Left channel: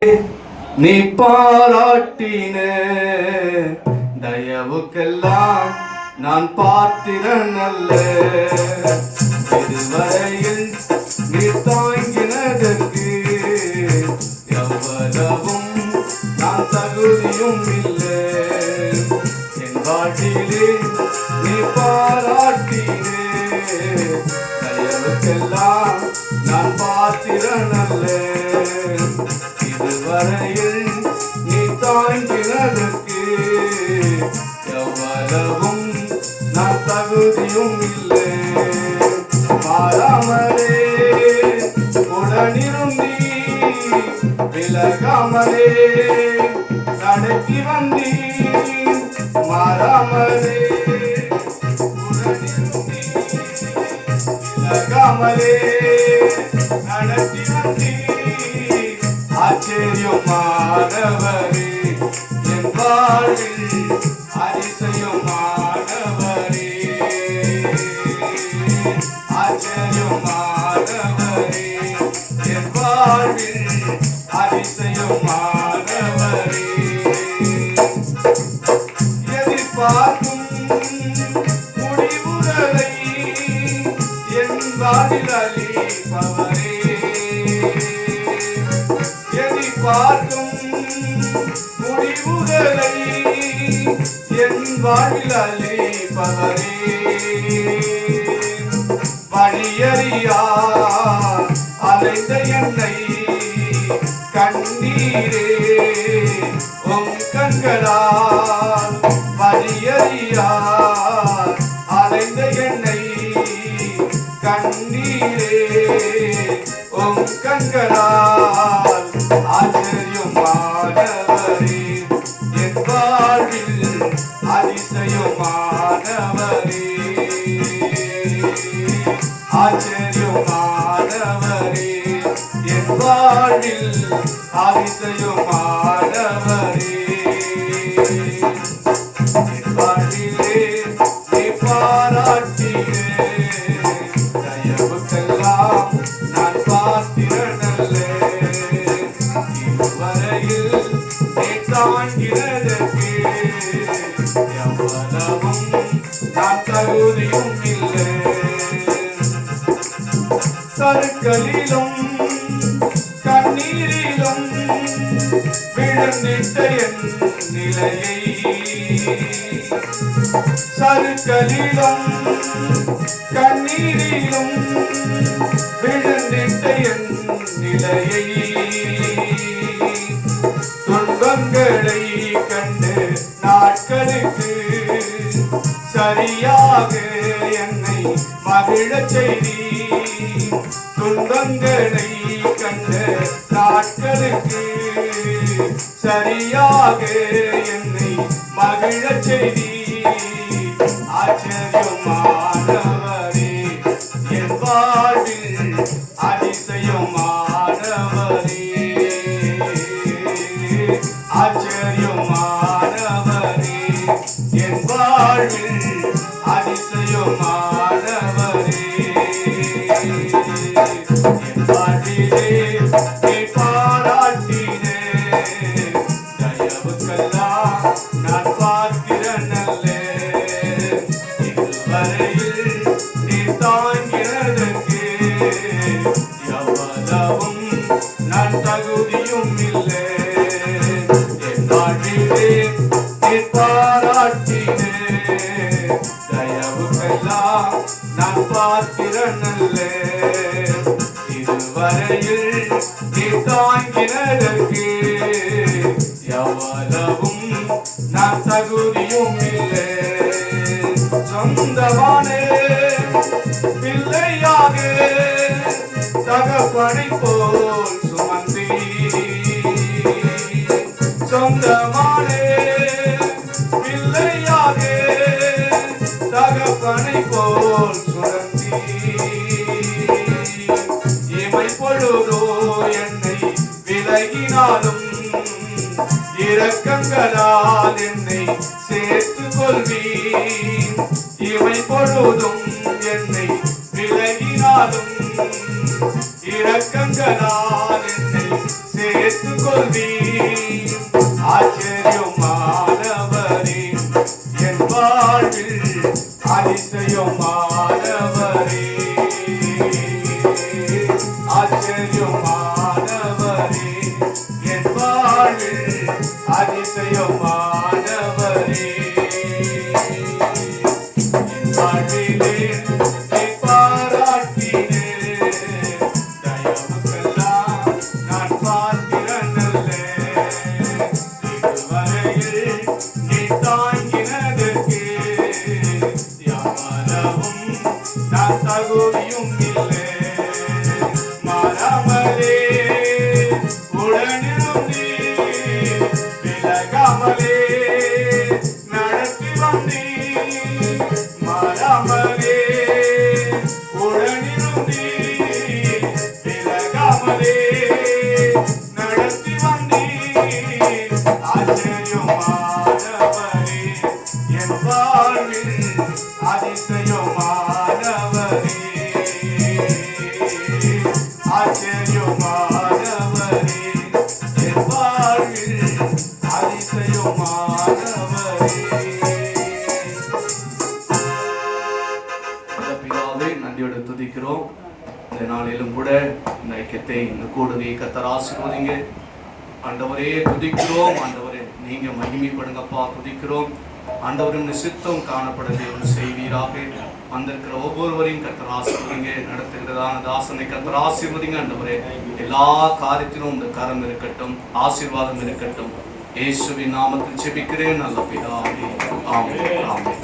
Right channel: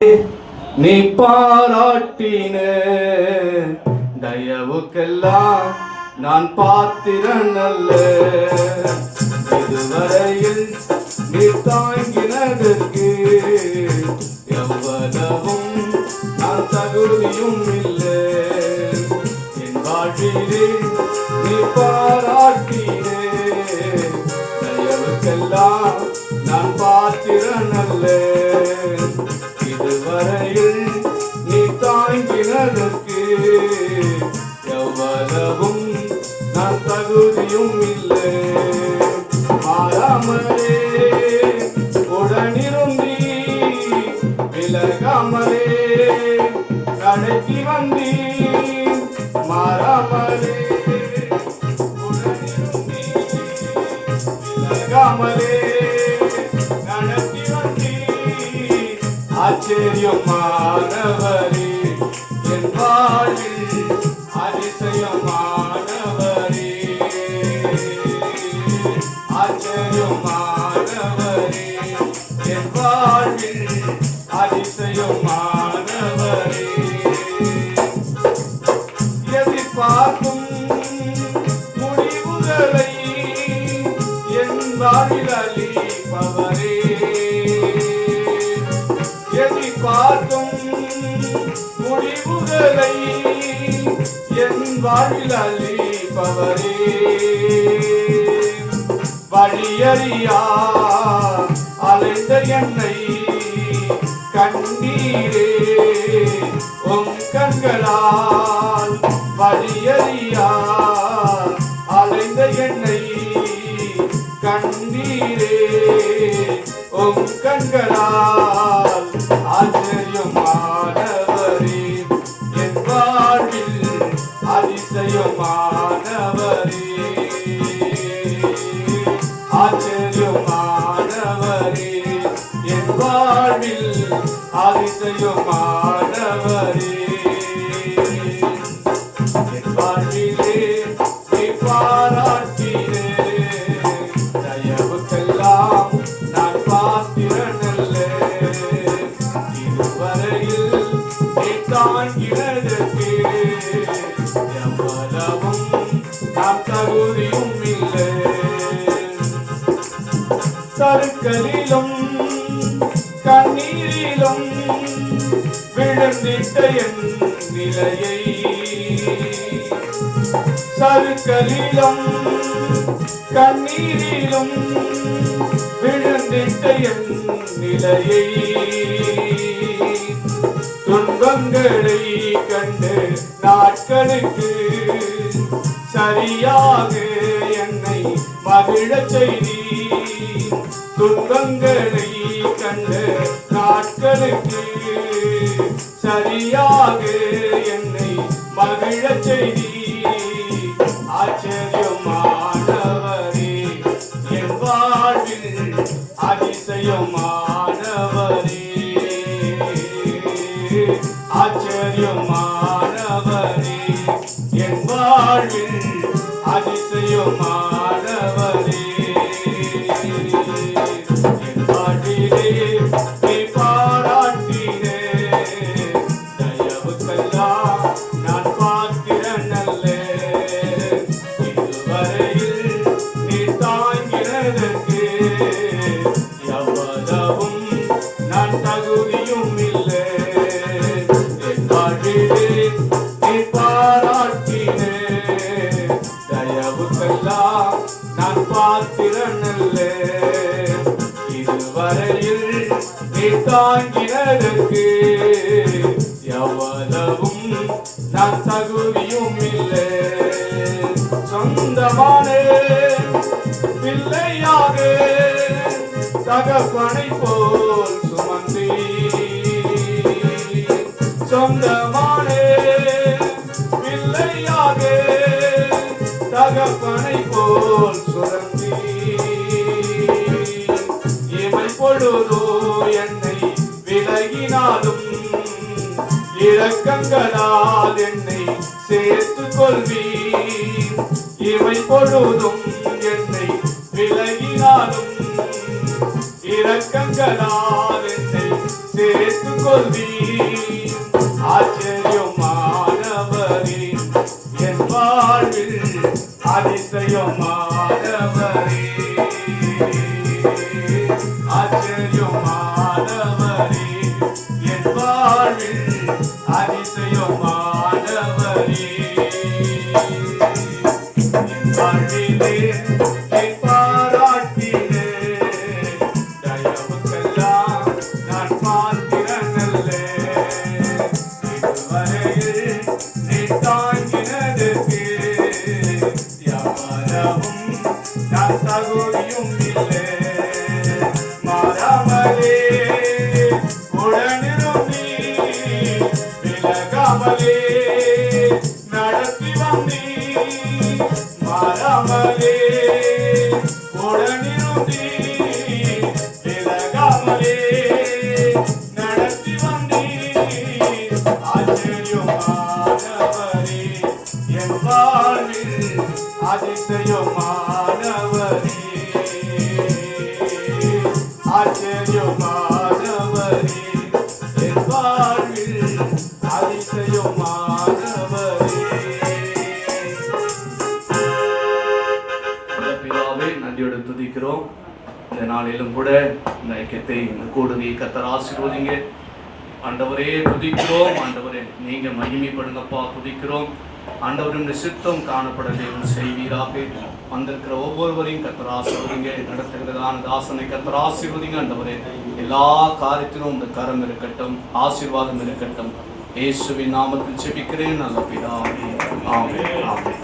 நீ பாராட்டின தயவுக்கெல்லாம் நான் பாத்திரன் அல்ல. இதுவரையில் நீ தாங்கினதற்கு எவ்வளவும் நான் தகுதியும் இல்லை. என் வாழ்விலே நீ பாராட்டின தயவுக்கெல்லாம் நான் பாத்திரன் அல்ல. இதுவரையில் நீ தாங்கினதற்கு எவ்வளவும் நான் தகுதியும் இல்லை. மாறாமலே உடனிருந்தி விலகாமலே கடைக்கு வந்தி. மாறாமலே உடனிருந்தி விலகாமலே கடைக்கு வந்தி. ஆச்சரியமானவரே என் வாழ்வில் அதிசயமானவரே. ஆச்சரியமானவரே என் வாழ்வில் அதிசயமானவரே. எதிர்பார்க்கும் முடிவுகளை என் வாழ்வில் அளிப்பவரே. பார்க்கும் முடிவுகளை என் வாழ்வில் அளிப்பவரே. வழியறியா அலைந்த என்னை கண்ணீரே உம் கண்களால். வழியறியா அலைந்த என்னை கண்ணீரே உம் கண்களால். ஆச்சரியமானவரே என் வாழ்வில் அதிசயமானவரே. ஆச்சரியமானவரே என் வாழ்வில் அதிசயமானவரே. என் வாழ்விலே நீ பாராட்டினே தயவுக்கெல்லாம் நான் பாத்திரன் அல்ல. இதுவரையில் நீ தாங்கினதற்கு எவ்வளவும் நான் தகுதியும் இல்லை. சறுக்கலிலும் கண்ணீரிலும் விழுந்திட்ட என் நிலையை. சறுக்கலிலும் கண்ணீரிலும் விழுந்திட்ட என் நிலையை. துன்பங்களை கண்டு நாட்களுக்கு சரியாக என்னை மகிழச் செய்தி. துன்பங்களை கண்ட நாட்களுக்கு சரியாக என்னை மகிழச் செய்தி. ஆச்சரியமானவரே என் வாழ்வில் அதிசயமானவரே. ஆச்சரியமானவரே என் வாழ்வில் அதிசயமானவரே. என் வாழ்விலே நீ பாராட்டினே தயவுக்கெல்லாம் நான் பார்க்கிறேன் அல்ல. இதுவரையில் நீ தாங்கினதற்கு எவ்வளவும் நான் தகுதியும் இல்லை. என் வாழ்விலே நீ பாராட்டினே தயவுக்கெல்லாம் நான் பார்க்கிறேன் அல்ல. இதுவரையில் நீ தாங்கினதற்கு எவ்வளவும் நான் தகுதியும் இல்லை. சொந்தமானே பிள்ளையாக தகப்பனை போல் சுமந்தி. சொந்தமானே பிள்ளையாக தகப்பனை போல் சுமந்தி. இமை பொழுதோ என்னை விலகினாலும் இரக்கங்களால் என்னை சேர்த்துக் கொள்வீர். இமை பொழுதும் என்னை விலகினாலும் இரக்கங்களால் என்னை சேர்த்துக் கொள்வீர். ஆச்சரியமானவரே என் வாழ்வில் அதிசயமானவரே, ஆச்சரியமானவரே என் வாழ்வில் அதிசயமானவரே. வாழ்விலே பாராட்டினே தயவுக்கெல்லாம் நான் பார்க்கிறேன். இதுவரையில் நீ தாங்கினதுக்கு யாவரவும் நான் தகுதியும் இல்லை. மாறாமலே உடனிருந்தீ, விலகாமலே நடத்தி வந்தீ. மாறாமலே உடனிருந்தீ, விலகாமலே நடத்தி வந்தீ. ஆச்சரியமானவரே என் வாழ்வில் அதிசயமானவரே, ஆச்சரியமானவரே என் வாழ்வில் அதிசயமானவரே. பிதாவே, நன்றியோடு துதிக்கிறோம். இந்த நாளிலும் கூட இந்த ஐக்கியத்தை, இந்த கூடுகையை கர்த்தர் ஆசீர்வதிங்க. ஆண்டவரே துதிக்கிறோம். ஆண்டவரே நீங்க மகிமைப்படுங்கப்பா, துதிக்கிறோம். ஆண்டவரின் சித்தம் காணப்பட தேவன் செய்வீராக. வந்திருக்கிற ஒவ்வொருவரையும் கர்த்தர் ஆசீர்வதிங்க. நடத்துகிறதான தாசனை கர்த்தர் ஆசீர்வதிங்க. ஆண்டவரே எல்லா காரியத்திலும் இந்த கரம் இருக்கட்டும், ஆசீர்வாதம் இருக்கட்டும். இயேசுவின் நாமத்தில் ஜெபிக்கிறேன் நல்ல பிதாவே. ஆமென். ஆமென்.